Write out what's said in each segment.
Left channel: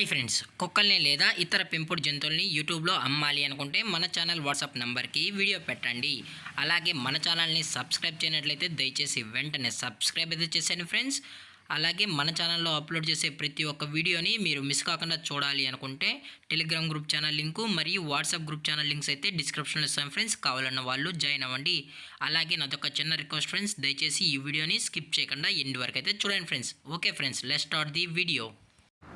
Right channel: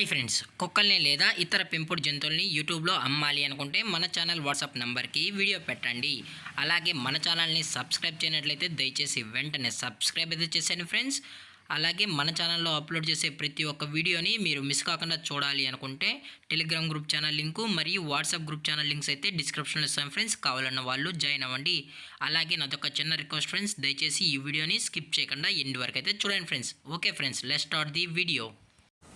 Hi friends, కుక్కల్ని లేదా ఇతర పెంపుడు జంతువుల్ని యూట్యూబ్లో అమ్మాలి అనుకుంటే మన ఛానల్ వాట్సాప్ నెంబర్కి వీడియో పెట్టండి. అలాగే మన ఛానల్ని సబ్స్క్రైబ్ చేయనట్లయితే దయచేసి వెంటనే సబ్స్క్రైబ్ అయితే చేసేయండి ఫ్రెండ్స్. అలాగే మన ఛానల్లో అప్లోడ్ చేసే ప్రతి ఒక్క వీడియోని మీరు మిస్ కాకుండా చూడాలి అనుకుంటే టెలిగ్రామ్ గ్రూప్ ఛానల్ లింకు మరియు వాట్సాప్ గ్రూప్ ఛానల్ లింక్స్ అయితే డిస్క్రిప్షన్లో ఇస్తాను ఫ్రెండ్స్. కావాలన్న వాళ్ళు జాయిన్ అవ్వండి. అలాగే నాదొక చిన్న రిక్వెస్ట్ ఫ్రెండ్స్, దయచేసి ఈ వీడియోని స్కిప్ చేయకుండా ఎండ్ వరకు అయితే చూడండి friends. Okay friends, let's start the video.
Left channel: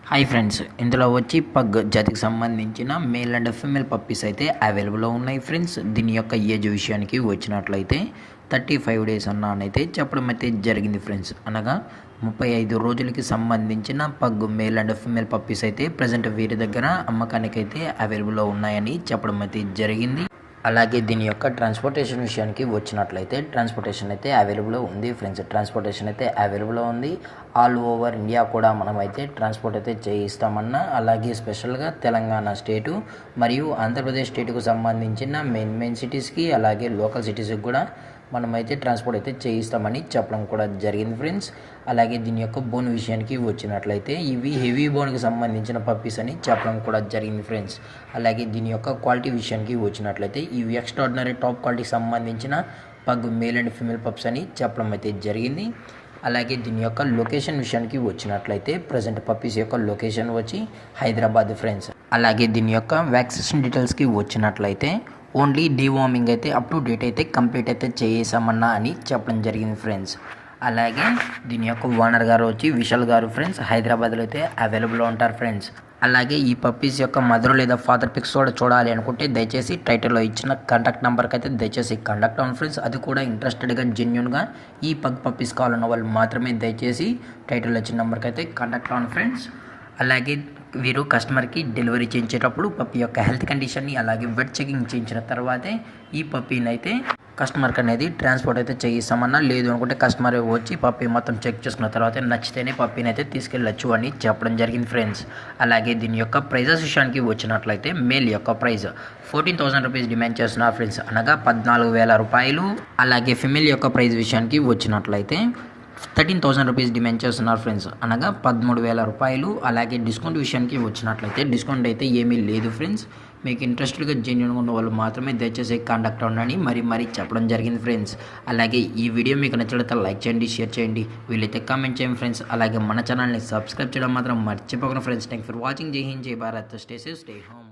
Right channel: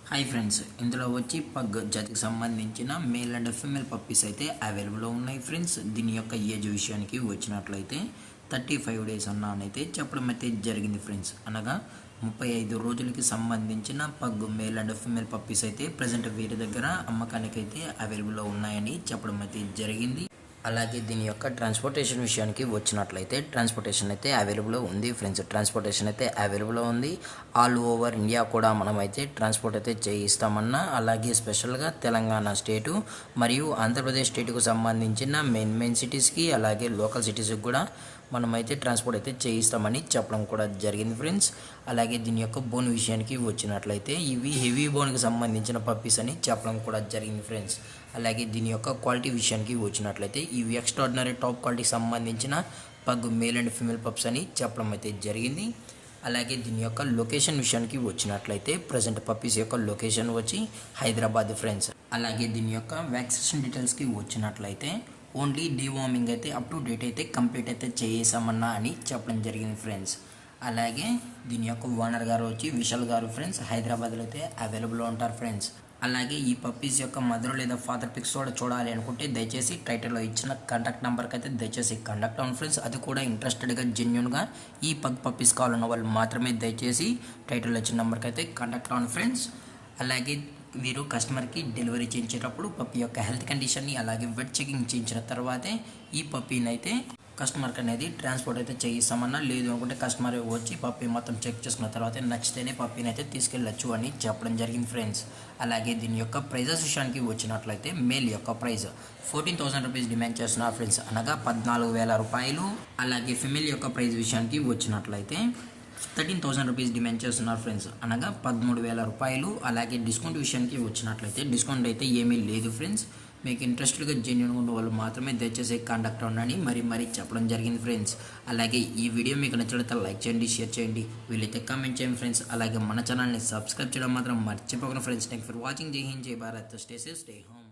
Hi friends, ఇందులో వచ్చి పగ్ జాతికి సంబంధించిన మేల్ అండ్ ఫీమేల్ పప్పీస్ అయితే అవైలబుల్లో ఉన్నాయి ఫ్రెండ్స్. దీని యొక్క ఏజ్ విషయానికి వచ్చినట్లయితే 35 డేస్ అన్నైతే చెప్పడం అయితే జరిగింది ఫ్రెండ్స్. అనగా 35 రోజులకి సంబంధించిన pug male and female puppies అయితే ప్రజెంట్ వీరి దగ్గర అమ్మకానికి అయితే అవైలబుల్లో ఉన్నాయని చెప్పడం అయితే జరిగింది. అలాగే దీని యొక్క ట్రాన్స్పోర్టేషన్ విషయానికి వచ్చినట్లయితే ట్రాన్స్పోర్టేషన్ అయితే అవైలబుల్ ఉంది ఫ్రెండ్స్. ట్రాన్స్పోర్టేషన్ అయితే అవైలబుల్ ఉంది. ఆల్ ఓవర్ ఇండియా కూడా మనం అయితే ట్రాన్స్పోర్ట్ అయితే చేయిస్తామన్నా, అలాగే స్పెషల్గా తెలంగాణ స్టేటు మరియు ఆంధ్రప్రదేశ్ స్టేటుకు సంబంధించిన మెయిన్ సిటీస్కి అలాగే లోకల్ సిటీస్కి కూడా మనమైతే ట్రాన్స్పోర్ట్ అయితే చేయిస్తామని చెప్పడం కూడా జరిగింది ఫ్రెండ్స్. అలాగే దీని యొక్క బోన్ విషయానికి వచ్చినట్లయితే ఇవి హెవీ బోన్కి సంబంధించిన పప్పీస్ అని చెప్పడం కూడా జరిగింది ఫ్రెండ్స్. అలాగే దీని యొక్క క్వాలిటీ విషయానికి వచ్చినట్లయితే ఇవి ఎక్స్ట్రాడినరీ టాప్ క్వాలిటీకి సంబంధించిన pug male and female pups అని చెప్పడం అయితే జరిగింది. అలాగే దీని యొక్క లొకేషన్ విషయానికి వచ్చినట్లయితే ప్రజెంట్ పప్పీస్ యొక్క లొకేషన్ వచ్చి హైదరాబాద్ ఫ్రెండ్స్. అలాగే దీని యొక్క వ్యాక్సినేషన్ డీటెయిల్స్కి వచ్చినట్లయితే ఓన్లీ డీవార్మింగ్ అయితే అప్ టు డేట్ అయితే కంప్లీట్ అయితే చేసామన్నా అని చెప్పడం జరిగింది ఫ్రెండ్స్. అలాగే దీని యొక్క ఓనర్ గారు వచ్చి విశాల్ గారు ఫ్రెండ్స్, హైదరాబాద్లో అయితే అవైలబుల్లో ఉంటారు ఫ్రెండ్స్. అలాగే ఈ పప్పీస్ యొక్క మదర్ లేదా ఫాదర్ పిక్స్ కూడా చూడాలి అనుకుంటే దయచేసి టైటిల్లో ఇచ్చిన కాంటాక్ట్ నెంబర్కి అయితే దయచేసి కాంటాక్ట్ అవ్వండి ఫ్రెండ్స్. అది కూడా ఇంట్రెస్టెడ్గా జెన్యున్గా ఈ పగ్ పప్పీస్ కావాలన్న వాళ్ళు మాత్రమే దయచేసి టైటిల్లో ఇచ్చిన నెంబర్కి అయితే కాంటాక్ట్ అవ్వండి ఫ్రెండ్స్. అలాగే వీరు కస్టమర్కి డెలివరీ చేయించేటప్పుడు పప్పీ యొక్క హెల్త్ కండిషన్ని అలాగే వెట్ చెకింగ్ చేయించిన తర్వాతే ఈ పప్పీని అయితే కస్టమర్కి అనేది ట్రాన్స్పోర్ట్ అయితే చేయిస్తామన్నా, లేదు అనుకుంటే కస్టమర్ వచ్చి పప్పీ మొత్తం చెక్ చేసుకున్న తర్వాత నచ్చితేనే పప్పీని అయితే తీసుకెళ్ళచ్చు అని చెప్పడం జరిగింది ఫ్రెండ్స్. అలాగే దీని యొక్క ప్రైజెస్ విషయానికి వచ్చినట్లయితే మేల్ యొక్క ప్రైస్ 14,000 రూపీస్ డిమాండ్ చేస్తున్నారు ఫ్రెండ్స్, అనగా 14,000 రూపాయలు. అలాగే ఫిమేల్ యొక్క ప్రైస్ విషయానికి వచ్చినట్లయితే 13,000 రూపీస్ డిమాండ్ చేస్తున్నారు ఫ్రెండ్స్, అనగా 13,000 రూపాయలు. అలాగే డిస్కౌంట్ విషయానికి వచ్చినట్లయితే డిస్కౌంట్ అయితే ఏమీ లేదు ఫ్రెండ్స్. మీకు ఇంట్రెస్టెడ్గా జెన్యున్గా ఉన్న వాళ్ళు మాత్రమే దయచేసి కాంటాక్ట్ అవ్వండి మరీ చెప్పడం జరిగింది ఫ్రెండ్స్. అలాగే ఈ వీడియో మీకు నచ్చినట్లయితే లైక్ చేయండి, షేర్ చేయండి, వీలైతే కామెంట్ చేయండి ఫ్రెండ్స్. అలాగే మన ఛానల్ని సబ్స్క్రైబ్ చేయడం మాత్రం మర్చిపోకండి ఫ్రెండ్స్. Thank for watching. జై హింద్, జై Bharat. Stay safe, stay home.